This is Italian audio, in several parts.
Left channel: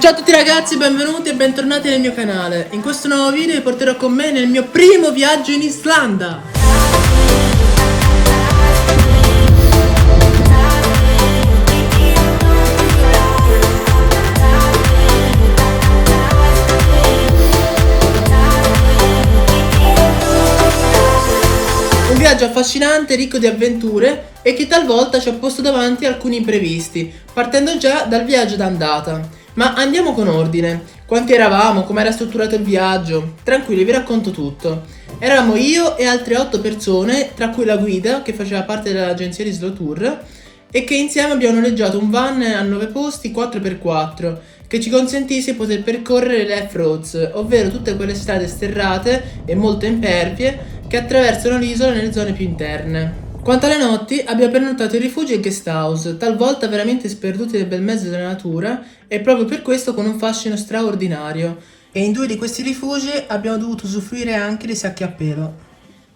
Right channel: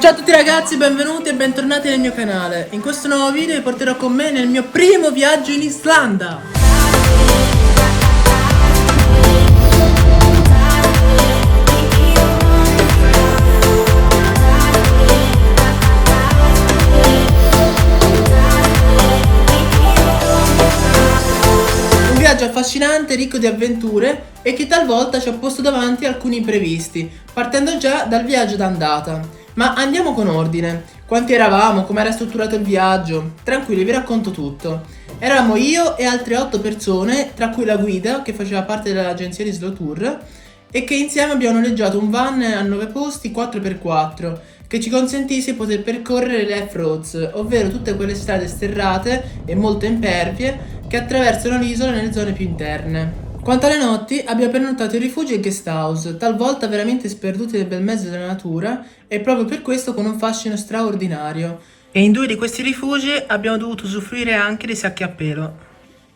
Ciao a tutti ragazzi, benvenuti e bentornati nel mio canale. In questo nuovo video vi porterò con me nel mio primo viaggio in Islanda. Un viaggio affascinante, ricco di avventure e che talvolta ci ha posto davanti alcuni imprevisti, partendo già dal viaggio d'andata. Ma andiamo con ordine. Quanti eravamo? Come era strutturato il viaggio? Tranquilli, vi racconto tutto. Eravamo io e altre 8 persone, tra cui la guida che faceva parte dell'agenzia di Slow Tour e che insieme abbiamo noleggiato un van a 9 posti 4x4 che ci consentisse di poter percorrere le off-roads, ovvero tutte quelle strade sterrate e molto impervie che attraversano l'isola nelle zone più interne. Quanto alle notti, abbiamo prenotato i rifugi e guest house, talvolta veramente sperduti nel bel mezzo della natura e proprio per questo con un fascino straordinario. E in 2 di questi rifugi abbiamo dovuto usufruire anche dei sacchi a pelo.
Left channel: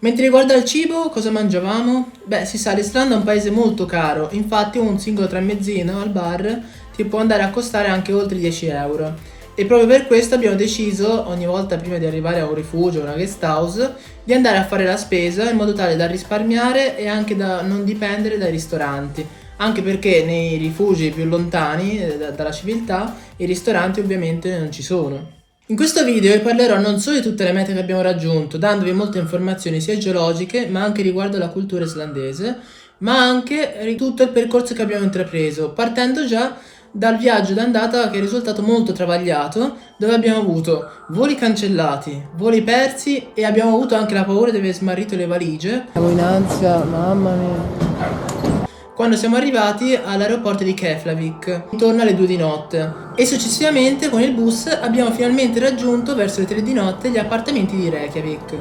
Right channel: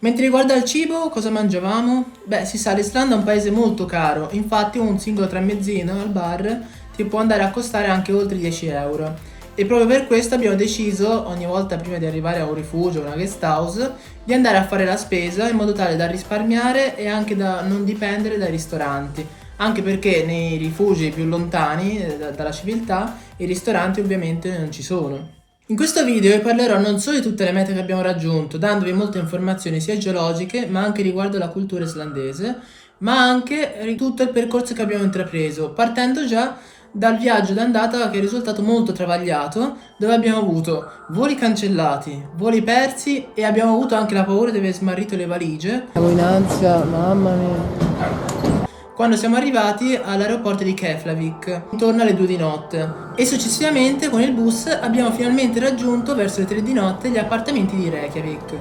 Mentre riguarda il cibo, cosa mangiavamo? Beh, si sa, l'Islanda è un paese molto caro, infatti un singolo tramezzino al bar ti può andare a costare anche oltre 10 euro. E proprio per questo abbiamo deciso, ogni volta prima di arrivare a un rifugio o una guest house, di andare a fare la spesa in modo tale da risparmiare e anche da non dipendere dai ristoranti. Anche perché nei rifugi più lontani dalla civiltà i ristoranti ovviamente non ci sono. In questo video vi parlerò non solo di tutte le mete che abbiamo raggiunto, dandovi molte informazioni sia geologiche ma anche riguardo alla cultura islandese, ma anche di tutto il percorso che abbiamo intrapreso, partendo già dal viaggio d'andata che è risultato molto travagliato, dove abbiamo avuto voli cancellati, voli persi e abbiamo avuto anche la paura di aver smarrito le valigie. Siamo in ansia, mamma mia. Quando siamo arrivati all'aeroporto di Keflavik, intorno alle 2 di notte. E successivamente con il bus abbiamo finalmente raggiunto verso le 3 di notte gli appartamenti di Reykjavik.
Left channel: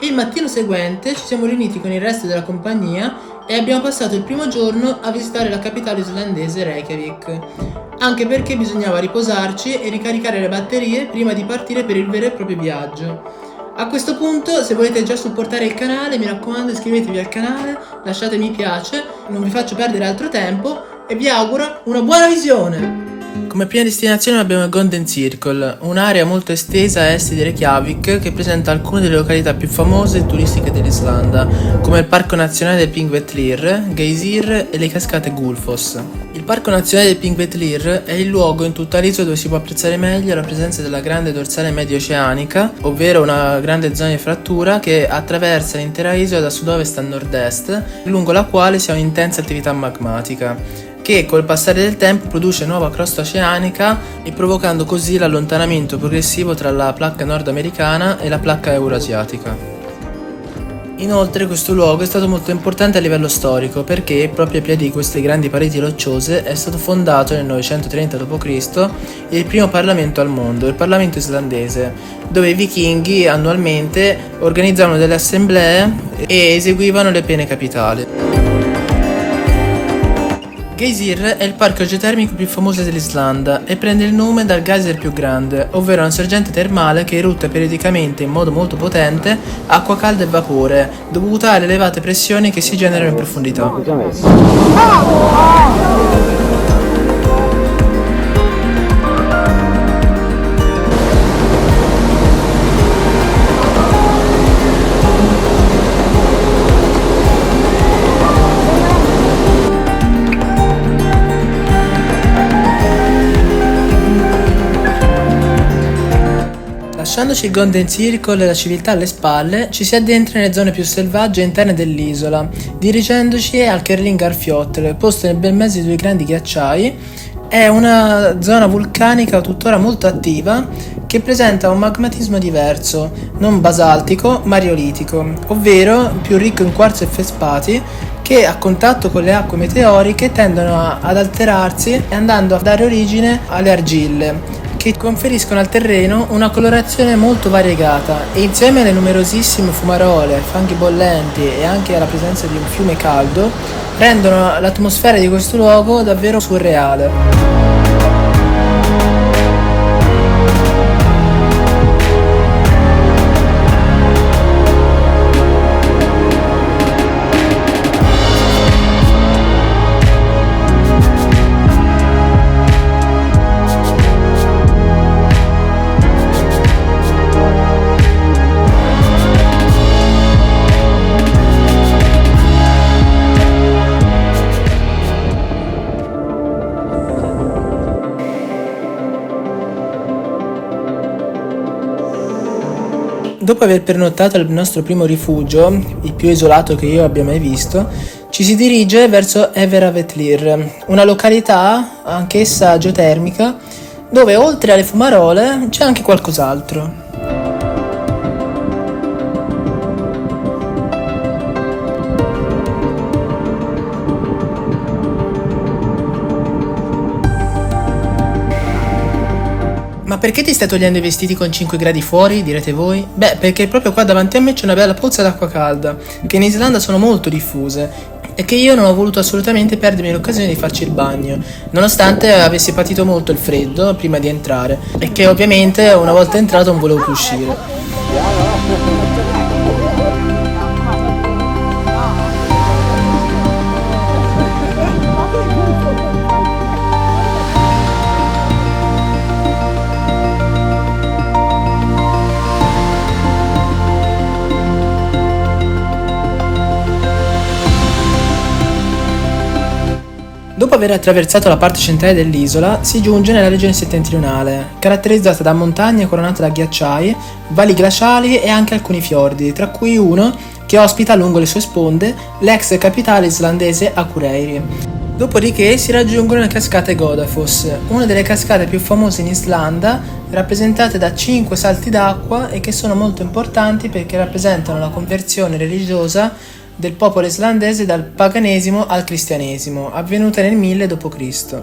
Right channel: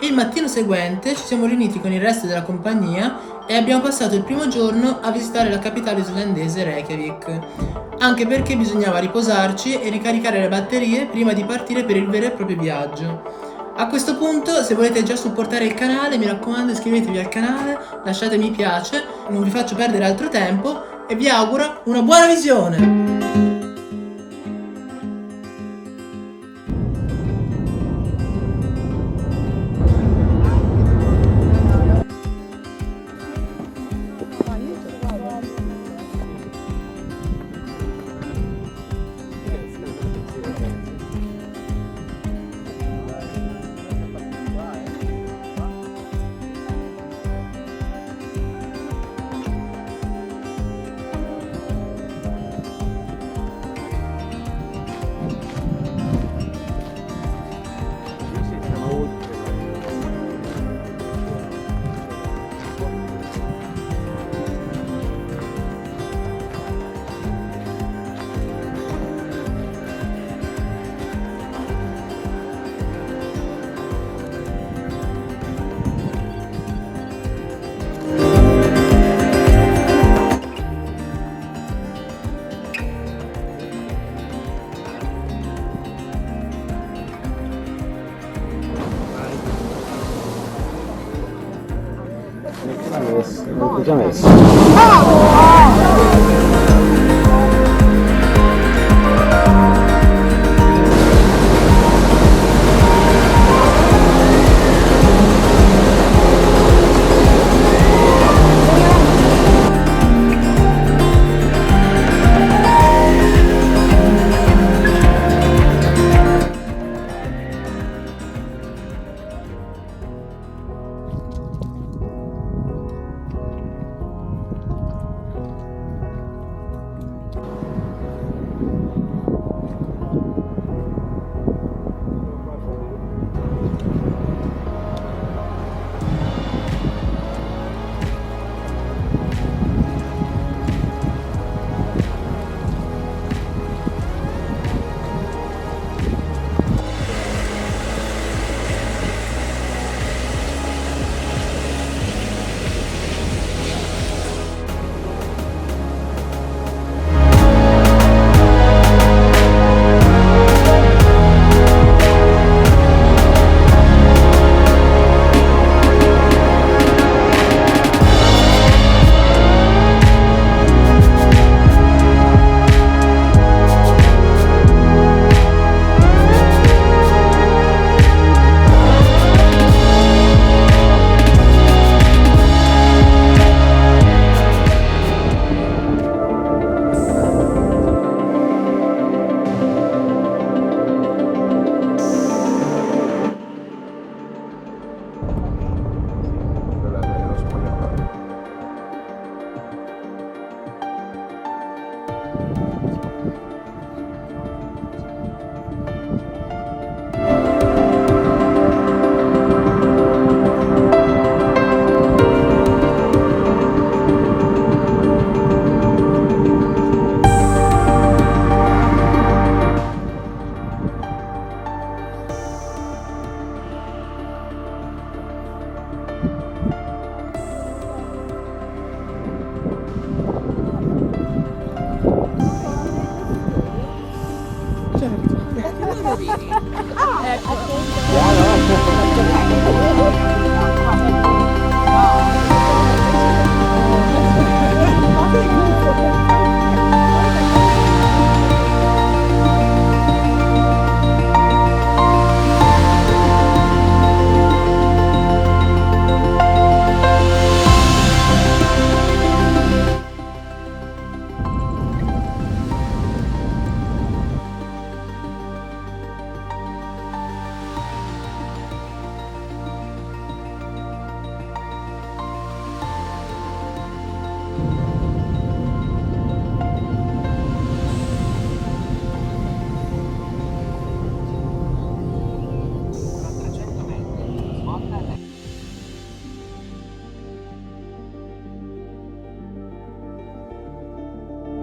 E il mattino seguente ci siamo riuniti con il resto della compagnia e abbiamo passato il primo giorno a visitare la capitale islandese Reykjavik, anche perché bisognava riposarci e ricaricare le batterie prima di partire per il vero e proprio viaggio. A questo punto, se volete già supportare il canale, mi raccomando iscrivetevi al canale, lasciate mi piace, non vi faccio perdere altro tempo e vi auguro una buona visione! Come prima destinazione abbiamo il Golden Circle, un'area molto estesa a est di Reykjavik che presenta alcune delle località più famose e turistiche dell'Islanda, come il Parco Nazionale del Thingvellir, Geysir e le cascate Gullfoss. Il Parco Nazionale del Thingvellir è il luogo in tutta l'isola dove si può apprezzare meglio la presenza della grande dorsale medio oceanica, ovvero una grande zona di frattura che attraversa l'intera isola da sud-ovest a nord-est, lungo la quale si ha un'intensa attività magmatica che col passare del tempo produce nuova crosta oceanica e provocando così l'allontanamento progressivo tra la placca nordamericana e la placca euroasiatica. Inoltre questo luogo è stato molto importante a livello storico perché proprio ai piedi di queste grandi pareti rocciose è stato fondato nel 930 d.C. il primo parlamento al mondo, il Parlamento islandese, dove i vichinghi annualmente organizzavano delle assemblee e eseguivano le pene capitali. Geysir è il parco geotermico più famoso dell'Islanda e prende il nome dal geyser più grande, ovvero una sorgente termale che erutta periodicamente in modo molto potente acqua calda e vapore, dovuta alle elevate pressioni che si generano in profondità. Lasciandoci il Golden Circle e la civiltà alle spalle, ci si addentra nelle zone più selvagge e interne dell'isola, dirigendoci al Kerlingarfjall, posto nel bel mezzo di 2 grandi ghiacciai. È una zona vulcanica tuttora molto attiva che presenta un magmatismo diverso, non basaltico ma riolitico, ovvero più ricco in quarzo e felspati che a contatto con le acque meteoriche tendono ad alterarsi e andando a dare origine alle argille, che conferiscono al terreno una colorazione molto variegata e insieme alle numerosissime fumarole, fanghi bollenti e anche alla presenza di un fiume caldo rendono l'atmosfera di questo luogo davvero surreale. Dopo aver pernottato al nostro primo rifugio, il più isolato che io abbia mai visto, ci si dirige verso Everavetlir, una località, anch'essa geotermica, dove oltre alle fumarole c'è anche qualcos'altro. Ma perché ti stai togliendo i vestiti con 5 gradi fuori, direte voi? Beh, perché proprio qua davanti a me c'è una bella pozza d'acqua calda, che in Islanda sono molto diffuse, e che io non ho voluto assolutamente perdermi l'occasione di farci il bagno, nonostante avessi patito molto il freddo prima di entrare, e che ovviamente una volta entrato non volevo più uscire. Dopo aver attraversato la parte centrale dell'isola, si giunge nella regione settentrionale, caratterizzata da montagne coronate da ghiacciai, valli glaciali e anche alcuni fiordi, tra cui uno che ospita lungo le sue sponde l'ex capitale islandese Akureyri. Dopodiché si raggiungono le cascate Godafoss, una delle cascate più famose in Islanda, rappresentate da 5 salti d'acqua e che sono molto importanti perché rappresentano la conversione religiosa del popolo islandese dal paganesimo al cristianesimo, avvenuta nel 1000 d.C.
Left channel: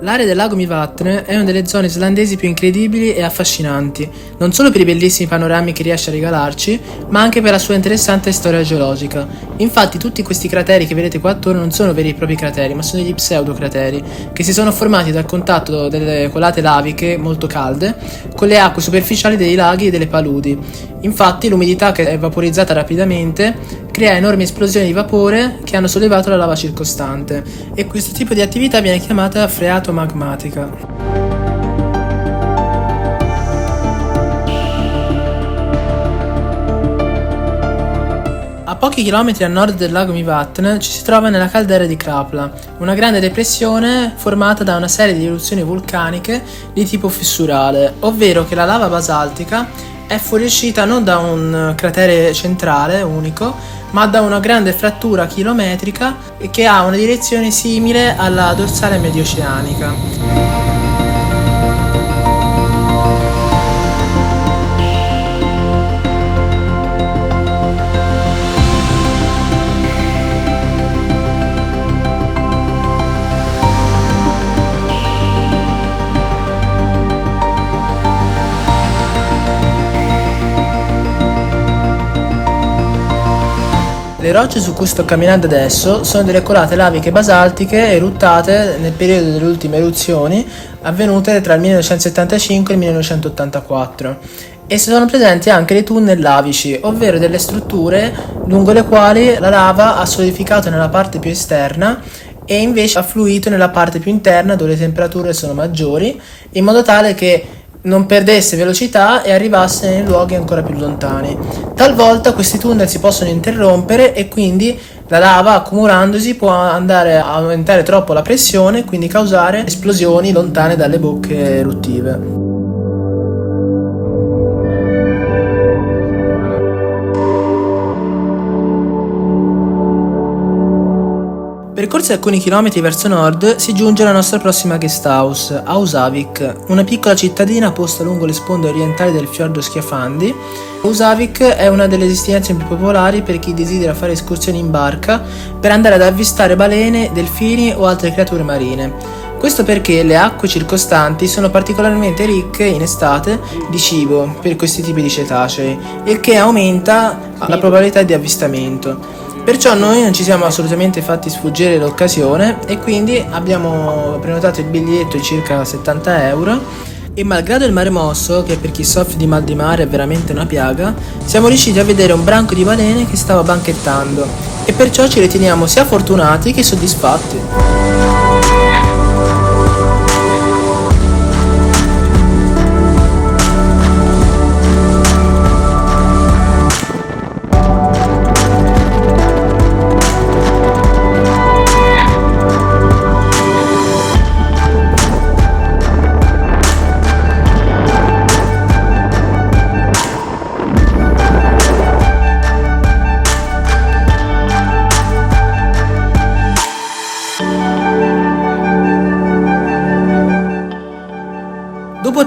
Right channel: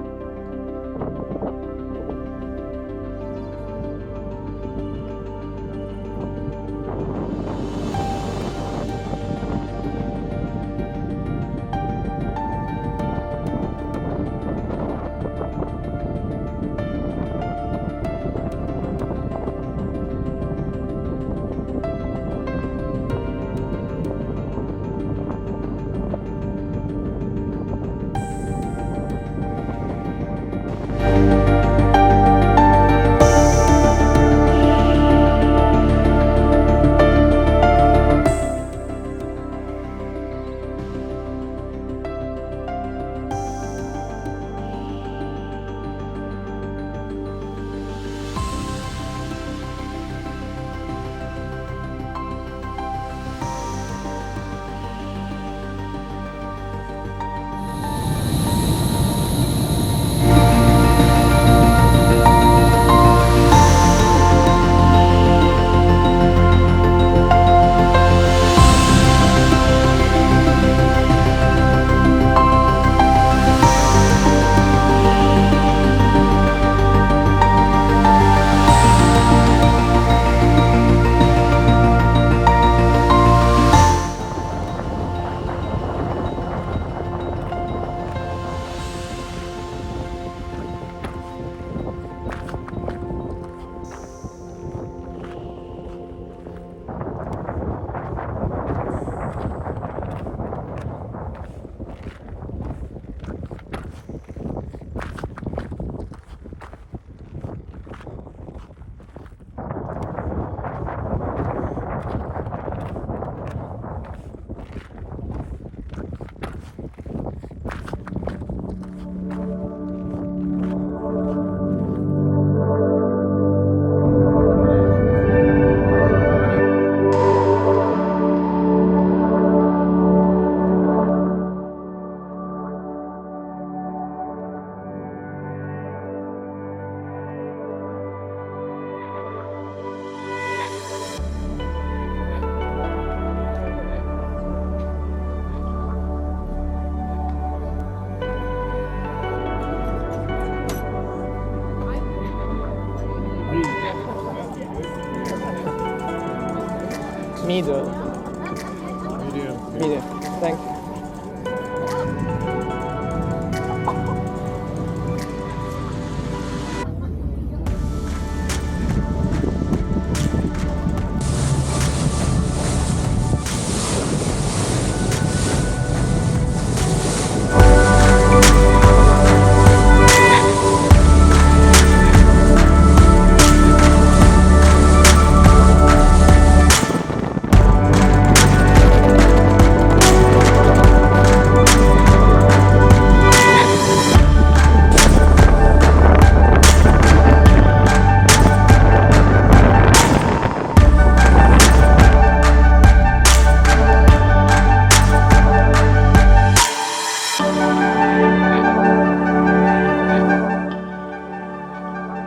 L'area del lago Mývatn è una delle zone islandesi più incredibili e affascinanti, non solo per i bellissimi panorami che riesce a regalarci, ma anche per la sua interessante storia geologica. Infatti tutti questi crateri che vedete qua attorno non sono veri e propri crateri, ma sono degli pseudocrateri, che si sono formati dal contatto delle colate laviche molto calde con le acque superficiali dei laghi e delle paludi. Infatti l'umidità, che è vaporizzata rapidamente, crea enormi esplosioni di vapore che hanno sollevato la lava circostante, e questo tipo di attività viene chiamata freato magmatica. A pochi chilometri a nord del lago Mývatn ci si trova nella caldera di Krapla, una grande depressione formata da una serie di eruzioni vulcaniche di tipo fissurale, ovvero che la lava basaltica è fuoriuscita non da un cratere centrale unico, ma da una grande frattura chilometrica e che ha una direzione simile alla dorsale medioceanica. Le rocce su cui sto camminando adesso sono delle colate laviche basaltiche eruttate nel periodo delle ultime eruzioni avvenute tra il 1975 e il 1984, e sono presenti anche dei tunnel lavici, ovvero delle strutture lungo le quali la lava ha solidificato nella parte più esterna e invece ha fluito nella parte più interna dove le temperature sono maggiori, in modo tale che non perdesse velocità e arrivasse nei luoghi ancora più lontani. Talvolta questi tunnel si possono interrompere e quindi la lava, accumulandosi, può andare a aumentare troppo la pressione e quindi causare esplosioni lontane dalle bocche eruttive. Percorsi alcuni chilometri verso nord si giunge alla nostra prossima guest house, a Húsavík, una piccola cittadina posta lungo le sponde orientali del fiordo Skjafandi. Húsavík è una delle destinazioni più popolari per chi desidera fare escursioni in barca per andare ad avvistare balene, delfini o altre creature marine. Questo perché le acque circostanti sono particolarmente ricche in estate di cibo per questi tipi di cetacei, il che aumenta la probabilità di avvistamento. Perciò noi non ci siamo assolutamente fatti sfuggire l'occasione e quindi abbiamo prenotato il biglietto di circa 70 euro e, malgrado il mare mosso, che per chi soffre di mal di mare è veramente una piaga, siamo riusciti a vedere un branco di balene che stava banchettando e perciò ci riteniamo sia fortunati che soddisfatti.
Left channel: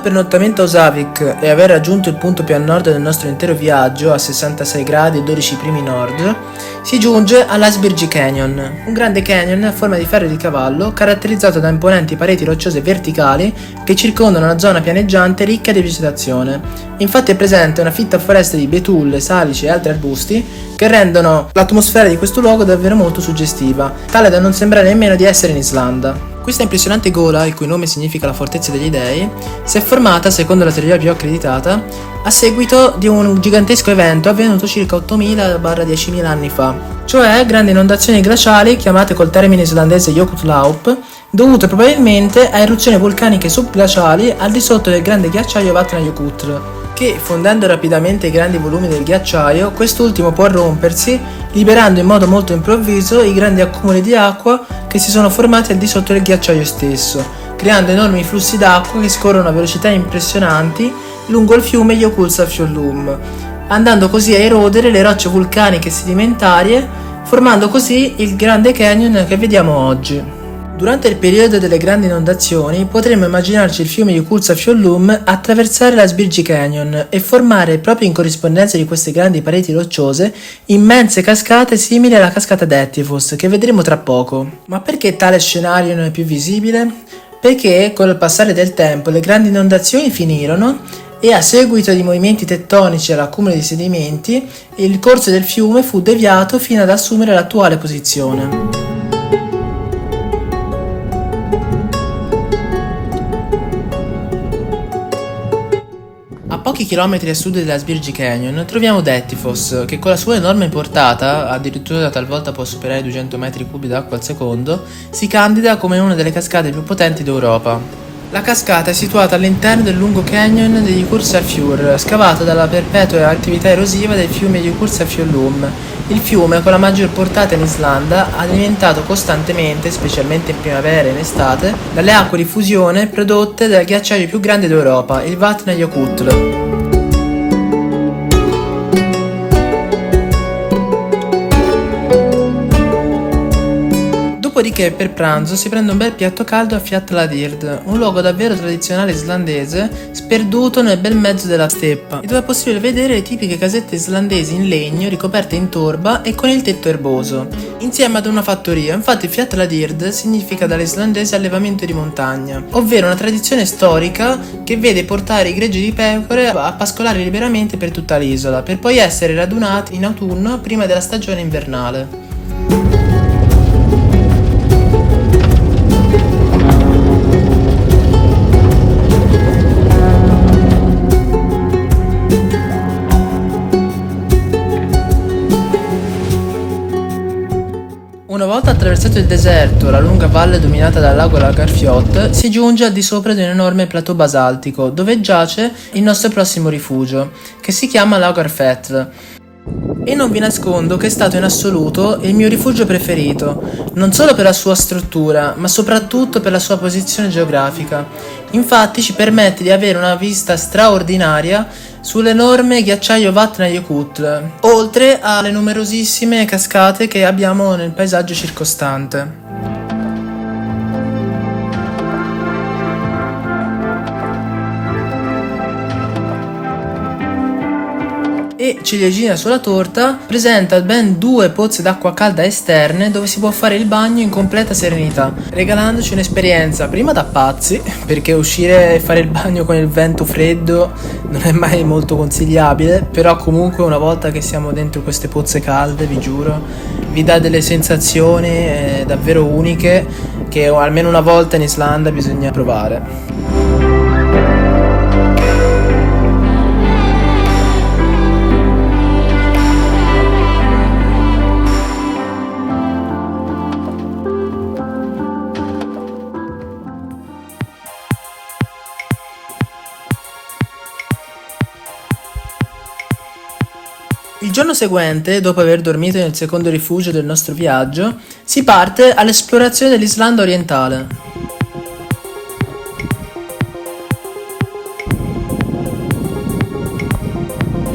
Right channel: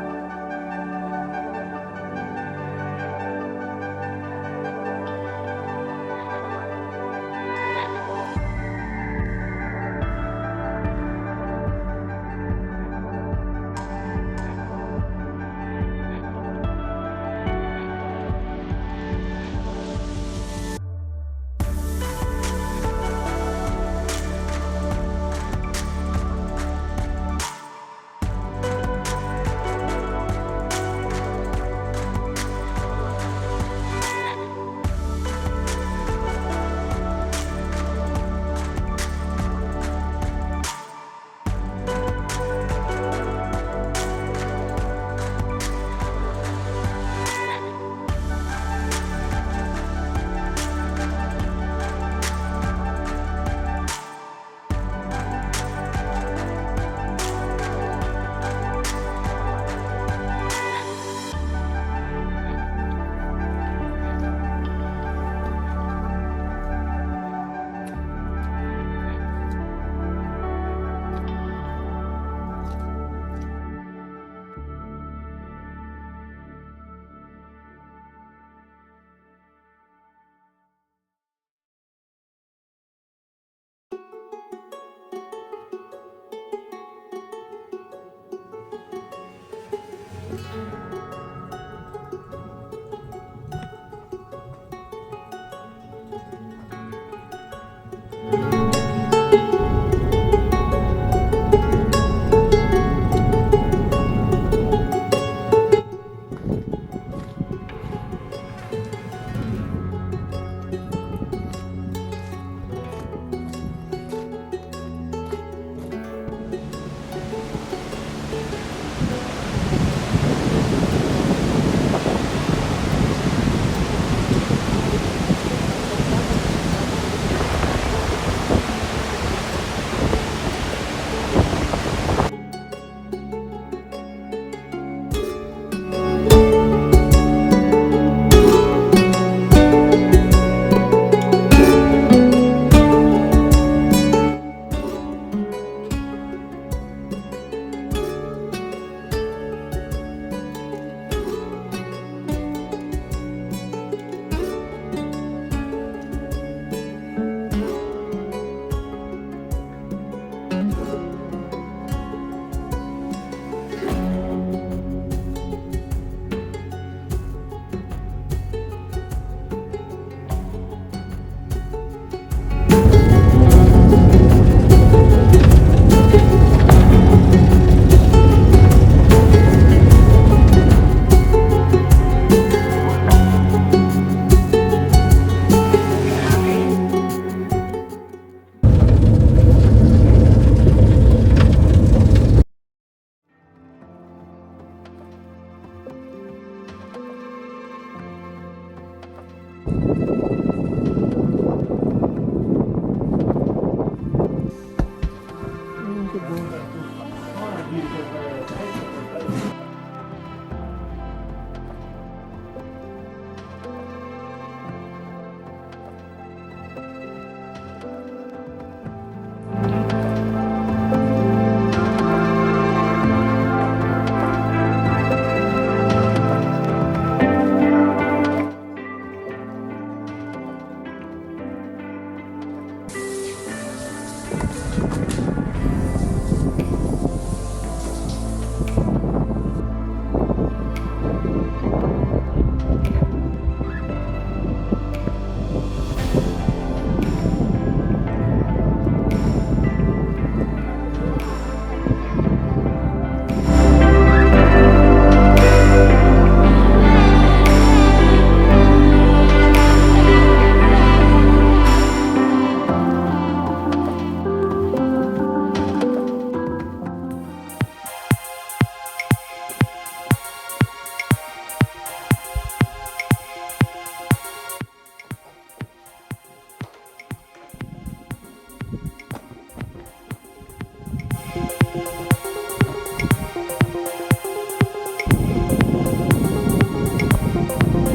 pernottamento a Osavik e aver raggiunto il punto più a nord del nostro intero viaggio, a 66 gradi e 12 primi nord, si giunge all'Iceberg Canyon, un grande canyon a forma di ferro di cavallo caratterizzato da imponenti pareti rocciose verticali che circondano una zona pianeggiante ricca di vegetazione. Infatti è presente una fitta foresta di betulle, salici e altri arbusti che rendono l'atmosfera di questo luogo davvero molto suggestiva, tale da non sembrare nemmeno di essere in Islanda. Questa impressionante gola, il cui nome significa la fortezza degli dei, si è formata, secondo la teoria più accreditata, a seguito di un gigantesco evento avvenuto circa 8.000-10.000 anni fa, cioè grandi inondazioni glaciali chiamate col termine islandese Jökullaup, dovute probabilmente a eruzioni vulcaniche subglaciali al di sotto del grande ghiacciaio Vatnajökull, che, fondendo rapidamente i grandi volumi del ghiacciaio, quest'ultimo può rompersi, liberando in modo molto improvviso i grandi accumuli di acqua che si sono formati al di sotto del ghiacciaio stesso, creando enormi flussi d'acqua che scorrono a velocità impressionanti lungo il fiume Jökulsárfjöllum, andando così a erodere le rocce vulcaniche sedimentarie, formando così il Grande Canyon che vediamo oggi. Durante il periodo delle grandi inondazioni potremmo immaginarci il fiume Jökulsárfjöllum attraversare l'Iceberg Canyon e formare, proprio in corrispondenza di queste grandi pareti rocciose, immense cascate simili alla cascata d'Ettifos che vedremo tra poco. Ma perché tale scenario non è più visibile? Perché con il passare del tempo le grandi inondazioni finirono e a seguito di movimenti tettonici e all'accumulo di sedimenti il corso del fiume fu deviato fino ad assumere l'attuale posizione. Pochi chilometri a sud dell'Iceberg Canyon troviamo Dettifoss, che con la sua enorme portata, addirittura talvolta può superare i 200 metri cubi d'acqua al secondo, si candida come una delle cascate più potenti d'Europa. La cascata è situata all'interno del lungo canyon degli Jökulsárfjord, scavato dalla perpetua attività erosiva del fiume Jökulsárfjöllum. Il fiume, con la maggior portata in Islanda, alimentato costantemente, specialmente in primavera e in estate, dalle acque di fusione prodotte dal ghiacciaio più grande d'Europa, il Vatnajökull. Dopodiché per pranzo si prende un bel piatto caldo a Fjalladyr, un luogo davvero tradizionale islandese, sperduto nel bel mezzo della steppa, e dove è possibile vedere le tipiche casette islandesi in legno ricoperte in torba e con il tetto erboso, insieme ad una fattoria. Infatti Fjalladyr significa dall'islandese allevamento di montagna, ovvero una tradizione storica che vede portare i greggi di pecore a pascolare liberamente per tutta l'isola, per poi essere radunati in autunno prima della stagione invernale. Una volta attraversato il deserto, la lunga valle dominata dal lago Lagarfjord, si giunge al di sopra di un enorme plateau basaltico, dove giace il nostro prossimo rifugio, che si chiama Lagarfell. E non vi nascondo che è stato in assoluto il mio rifugio preferito, non solo per la sua struttura, ma soprattutto per la sua posizione geografica. Infatti ci permette di avere una vista straordinaria sull'enorme ghiacciaio Vatnajökull, oltre alle numerosissime cascate che abbiamo nel paesaggio circostante. E ciliegina sulla torta, presenta ben 2 pozze d'acqua calda esterne dove si può fare il bagno in completa serenità, regalandoci un'esperienza prima da pazzi, perché uscire e fare il bagno con il vento freddo non è mai molto consigliabile, però comunque una volta che siamo dentro queste pozze calde, vi giuro, vi dà delle sensazioni davvero uniche che almeno una volta in Islanda bisogna provare. Il giorno seguente, dopo aver dormito nel secondo rifugio del nostro viaggio, si parte all'esplorazione dell'Islanda orientale.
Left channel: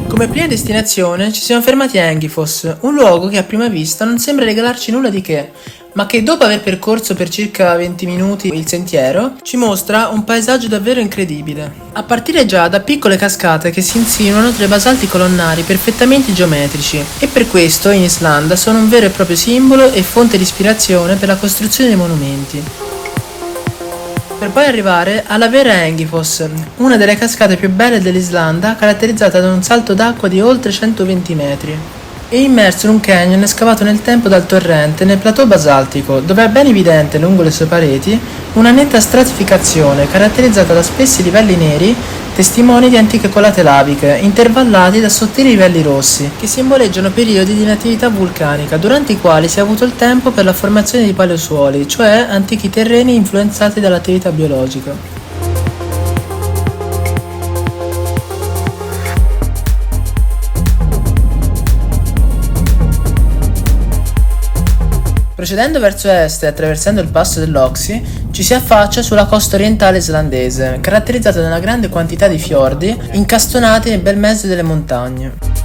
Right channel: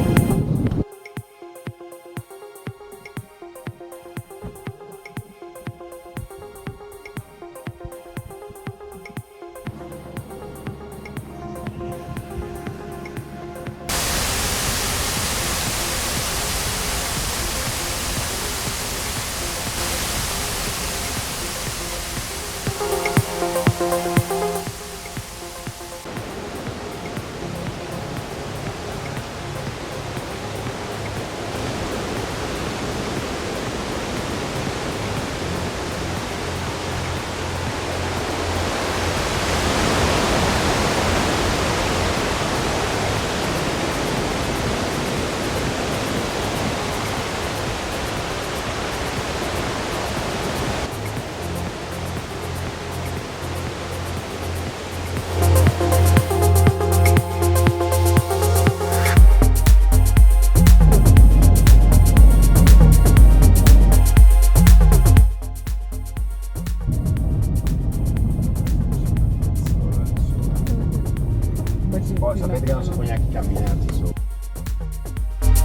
Come prima destinazione ci siamo fermati a Engifoss, un luogo che a prima vista non sembra regalarci nulla di che, ma che dopo aver percorso per circa 20 minuti il sentiero ci mostra un paesaggio davvero incredibile. A partire già da piccole cascate che si insinuano tra i basalti colonnari perfettamente geometrici e per questo in Islanda sono un vero e proprio simbolo e fonte di ispirazione per la costruzione dei monumenti. Per poi arrivare alla vera Engifoss, una delle cascate più belle dell'Islanda, caratterizzata da un salto d'acqua di oltre 120 metri. È immerso in un canyon scavato nel tempo dal torrente nel plateau basaltico, dove è ben evidente lungo le sue pareti una netta stratificazione caratterizzata da spessi livelli neri, testimoni di antiche colate laviche, intervallati da sottili livelli rossi, che simboleggiano periodi di inattività vulcanica, durante i quali si è avuto il tempo per la formazione di paleosuoli, cioè antichi terreni influenzati dall'attività biologica. Procedendo verso est e attraversando il passo dell'Oxy, ci si affaccia sulla costa orientale islandese, caratterizzata da una grande quantità di fiordi incastonati nel bel mezzo delle montagne.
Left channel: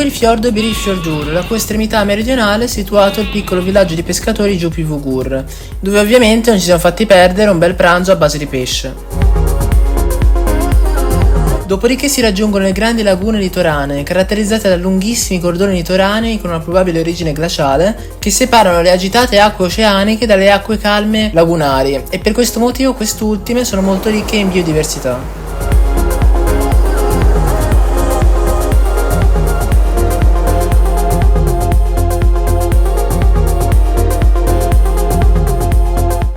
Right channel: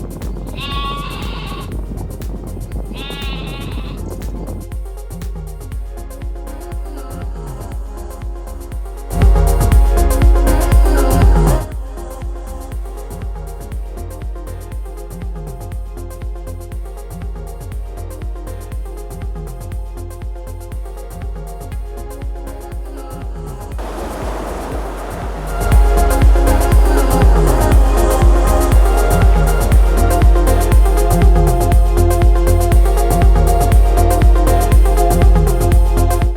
Il fiordo Birifjordur, la cui estremità meridionale è situato il piccolo villaggio di pescatori Djupivogur, dove ovviamente non ci siamo fatti perdere un bel pranzo a base di pesce. Dopodiché si raggiungono le grandi lagune litoranee, caratterizzate da lunghissimi cordoni litoranei con una probabile origine glaciale, che separano le agitate acque oceaniche dalle acque calme lagunari, e per questo motivo quest'ultime sono molto ricche in biodiversità.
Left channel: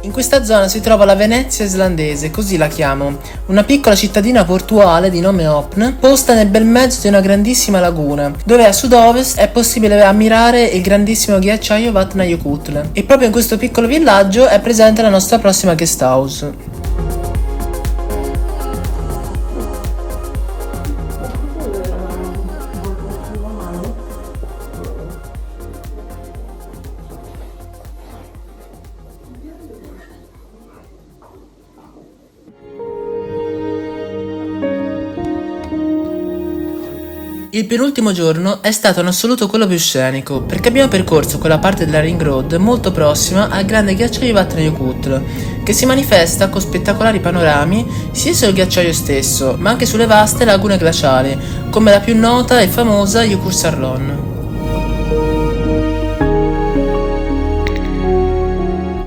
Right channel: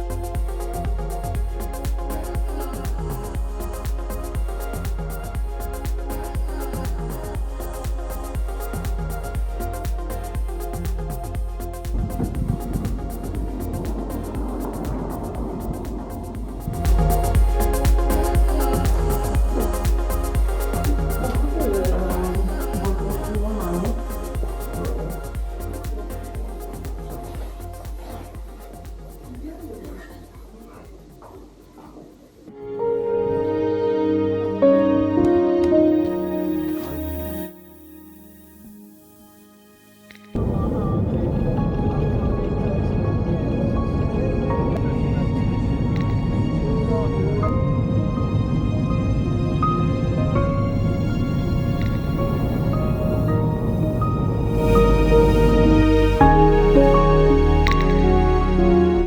In questa zona si trova la Venezia islandese, così la chiamo, una piccola cittadina portuale di nome Opn, posta nel bel mezzo di una grandissima laguna, dove a sud-ovest è possibile ammirare il grandissimo ghiacciaio Vatnajökull. E proprio in questo piccolo villaggio è presente la nostra prossima guest house. Il penultimo giorno è stato in assoluto quello più scenico, perché abbiamo percorso quella parte della Ring Road molto prossima al grande ghiacciaio Vatnajökull, che si manifesta con spettacolari panorami sia sul ghiacciaio stesso, ma anche sulle vaste lagune glaciali, come la più nota e famosa Jökulsárlón.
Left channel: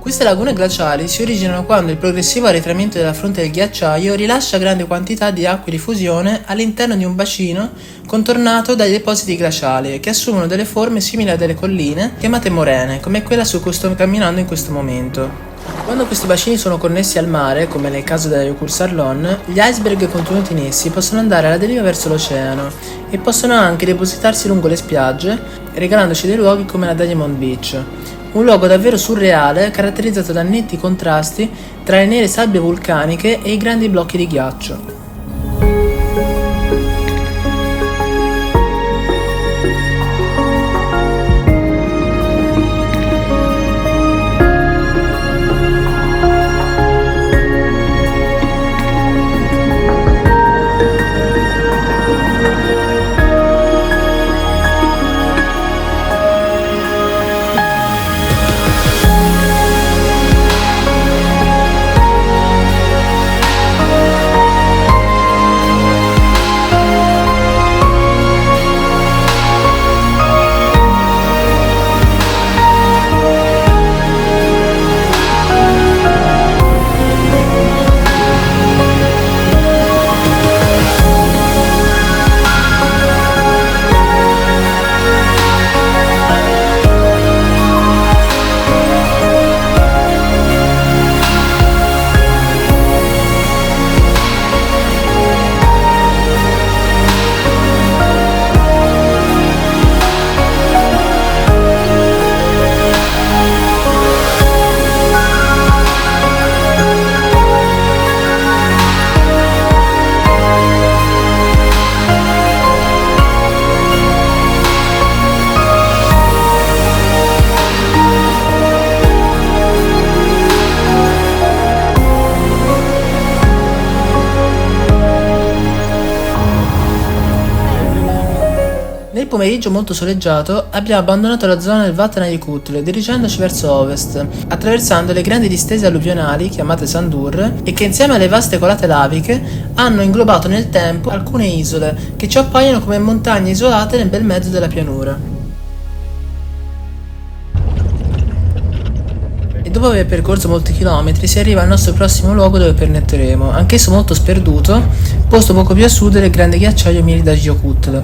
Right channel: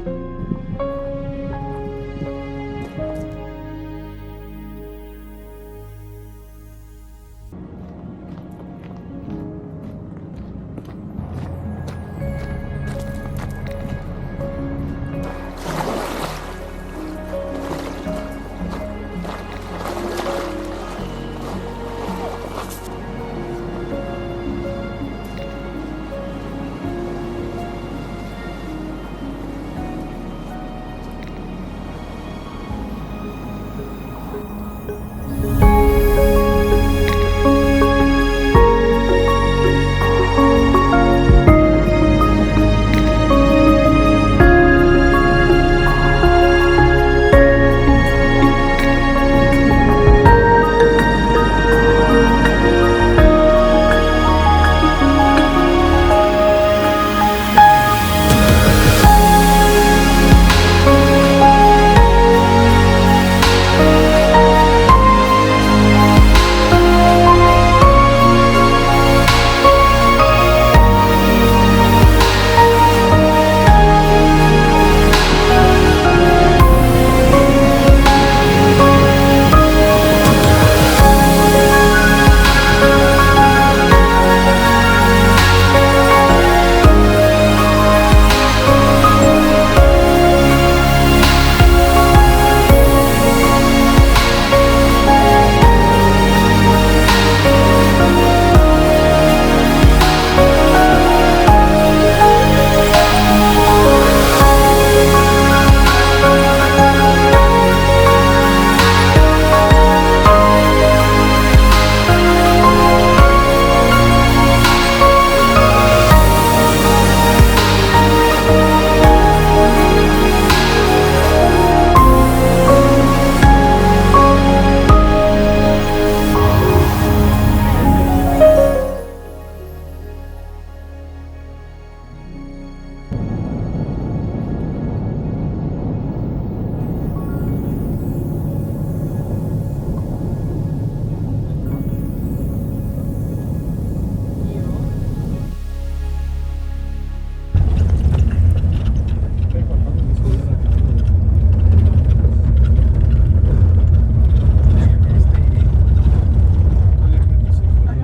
Queste lagune glaciali si originano quando il progressivo arretramento della fronte del ghiacciaio rilascia grandi quantità di acque di fusione all'interno di un bacino contornato dai depositi glaciali che assumono delle forme simili a delle colline chiamate morene, come quella su cui sto camminando in questo momento. Quando questi bacini sono connessi al mare, come nel caso della Jökulsárlón, gli iceberg contenuti in essi possono andare alla deriva verso l'oceano e possono anche depositarsi lungo le spiagge, regalandoci dei luoghi come la Diamond Beach. Un luogo davvero surreale, caratterizzato da netti contrasti tra le nere sabbie vulcaniche e i grandi blocchi di ghiaccio. pomeriggio molto soleggiato abbiamo abbandonato la zona del Vatnajökull dirigendoci verso ovest, attraversando le grandi distese alluvionali chiamate Sandur e che insieme alle vaste colate laviche hanno inglobato nel tempo alcune isole che ci appaiono come montagne isolate nel bel mezzo della pianura. Dopo aver percorso molti chilometri si arriva al nostro prossimo luogo dove pernotteremo, anch'esso molto sperduto, posto poco più a sud del grande ghiacciaio Mýrdalsjökull.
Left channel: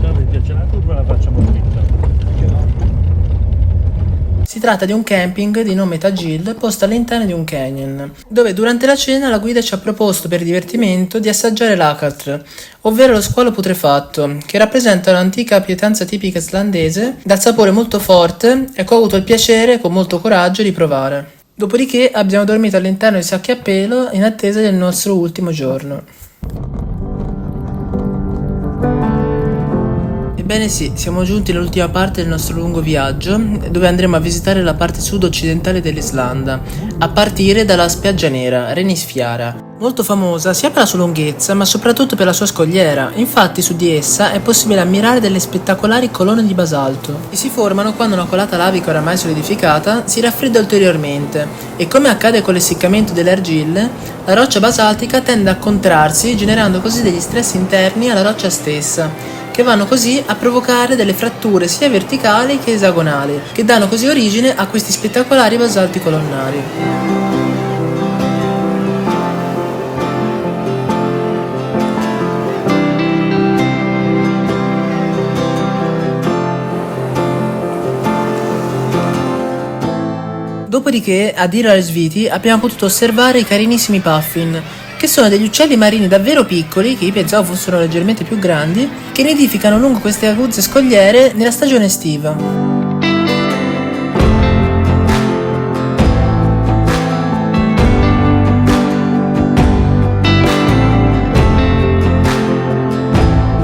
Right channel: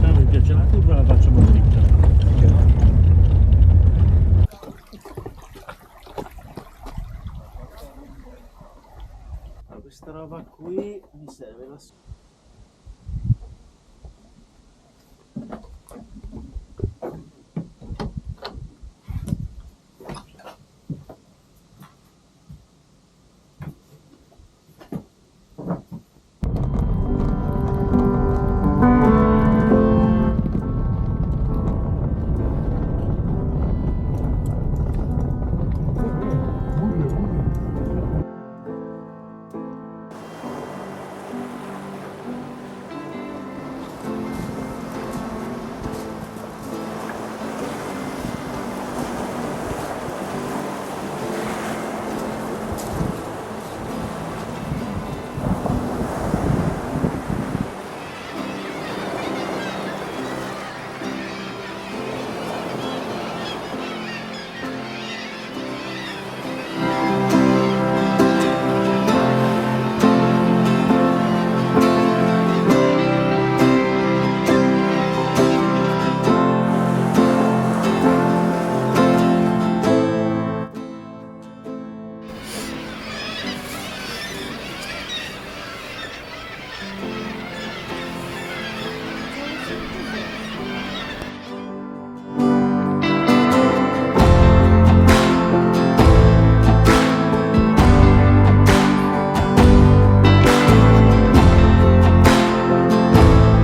Se vi piace la curva la facciamo dritta. Si tratta di un camping di nome Tagil posto all'interno di un canyon, dove durante la cena la guida ci ha proposto per divertimento di assaggiare l'akatr, ovvero lo squalo putrefatto, che rappresenta un'antica pietanza tipica islandese dal sapore molto forte e che ho avuto il piacere con molto coraggio di provare. Dopodiché abbiamo dormito all'interno di sacchi a pelo in attesa del nostro ultimo giorno. Ebbene sì, siamo giunti all'ultima parte del nostro lungo viaggio, dove andremo a visitare la parte sud-occidentale dell'Islanda, a partire dalla spiaggia nera, Reynisfjara, molto famosa sia per la sua lunghezza, ma soprattutto per la sua scogliera. Infatti su di essa è possibile ammirare delle spettacolari colonne di basalto, che si formano quando una colata lavica oramai solidificata si raffredda ulteriormente, e come accade con l'essiccamento delle argille, la roccia basaltica tende a contrarsi, generando così degli stress interni alla roccia stessa, che vanno così a provocare delle fratture sia verticali che esagonali, che danno così origine a questi spettacolari basalti colonnari. Dopodiché, a Dir al-Sviti abbiamo potuto osservare i carinissimi puffin, che sono degli uccelli marini davvero piccoli, che io pensavo fossero leggermente più grandi, che nidificano lungo queste aguzze scogliere nella stagione estiva.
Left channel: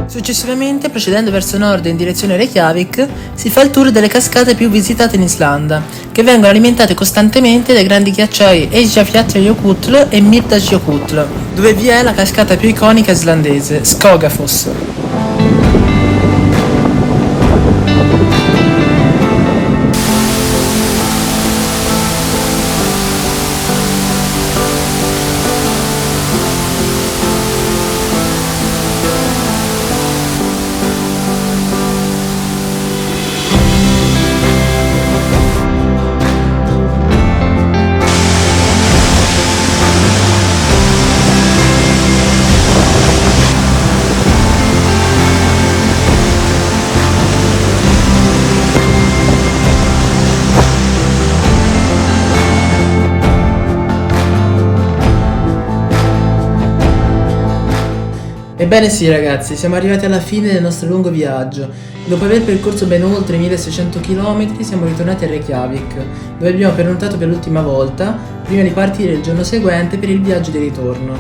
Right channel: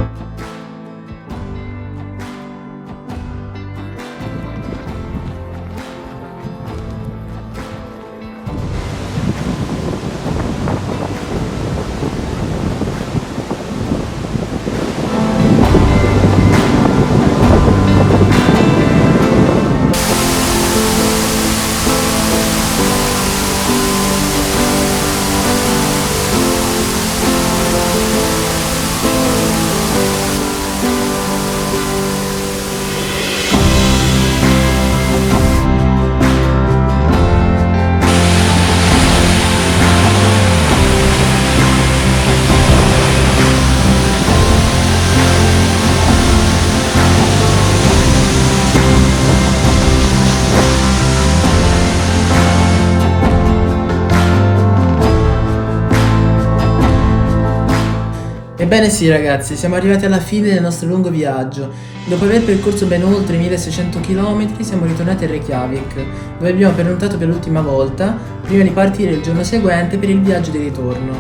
Successivamente, procedendo verso nord in direzione Reykjavik, si fa il tour delle cascate più visitate in Islanda, che vengono alimentate costantemente dai grandi ghiacciai Eyjafjallajökull e Mýrdalsjökull, dove vi è la cascata più iconica islandese, Skogafoss. Ebbene sì ragazzi, siamo arrivati alla fine del nostro lungo viaggio. Dopo aver percorso ben oltre 1600 km siamo ritornati a Reykjavik, dove abbiamo pernottato per l'ultima volta, prima di partire il giorno seguente per il viaggio di ritorno.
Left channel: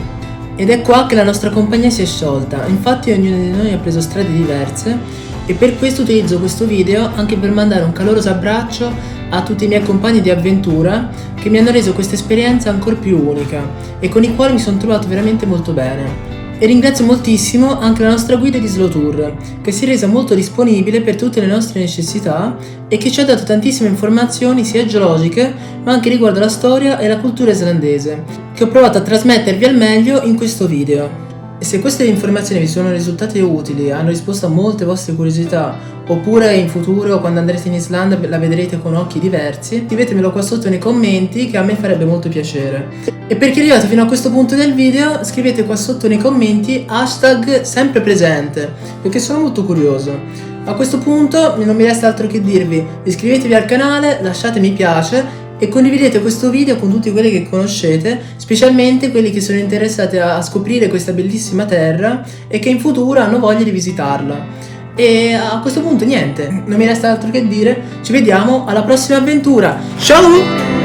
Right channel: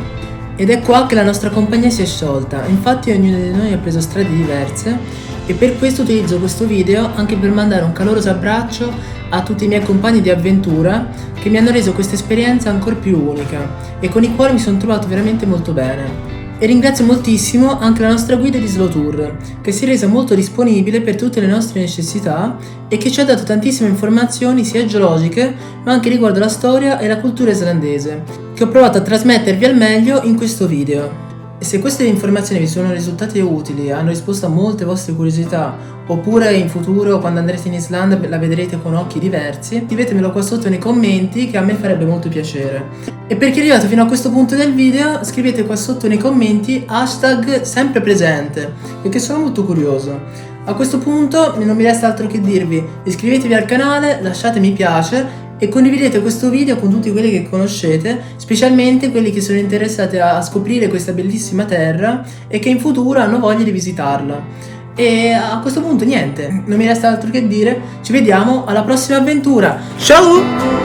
Ed è qua che la nostra compagnia si è sciolta, infatti ognuno di noi ha preso strade diverse e per questo utilizzo questo video anche per mandare un caloroso abbraccio a tutti i miei compagni di avventura che mi hanno reso questa esperienza ancora più unica e con i quali mi sono trovato veramente molto bene. E ringrazio moltissimo anche la nostra guida di Slow Tour, che si è resa molto disponibile per tutte le nostre necessità e che ci ha dato tantissime informazioni sia geologiche, ma anche riguardo la storia e la cultura islandese, che ho provato a trasmettervi al meglio in questo video. E se queste informazioni vi sono risultate utili e hanno risposto a molte vostre curiosità, oppure in futuro quando andrete in Islanda la vedrete con occhi diversi, scrivetemelo qua sotto nei commenti che a me farebbe molto piacere. E per chi è arrivato fino a questo punto del video, scrivete qua sotto nei commenti hashtag sempre presente, perché sono molto curioso. A questo punto non mi resta altro che dirvi: iscrivetevi al canale, lasciate mi piace e condividete questo video con tutti quelli che conoscete, specialmente quelli che sono interessati a scoprire questa bellissima terra e che in futuro hanno voglia di visitarla. E a questo punto niente, non mi resta altro che dire, ci vediamo alla prossima avventura. Ciao!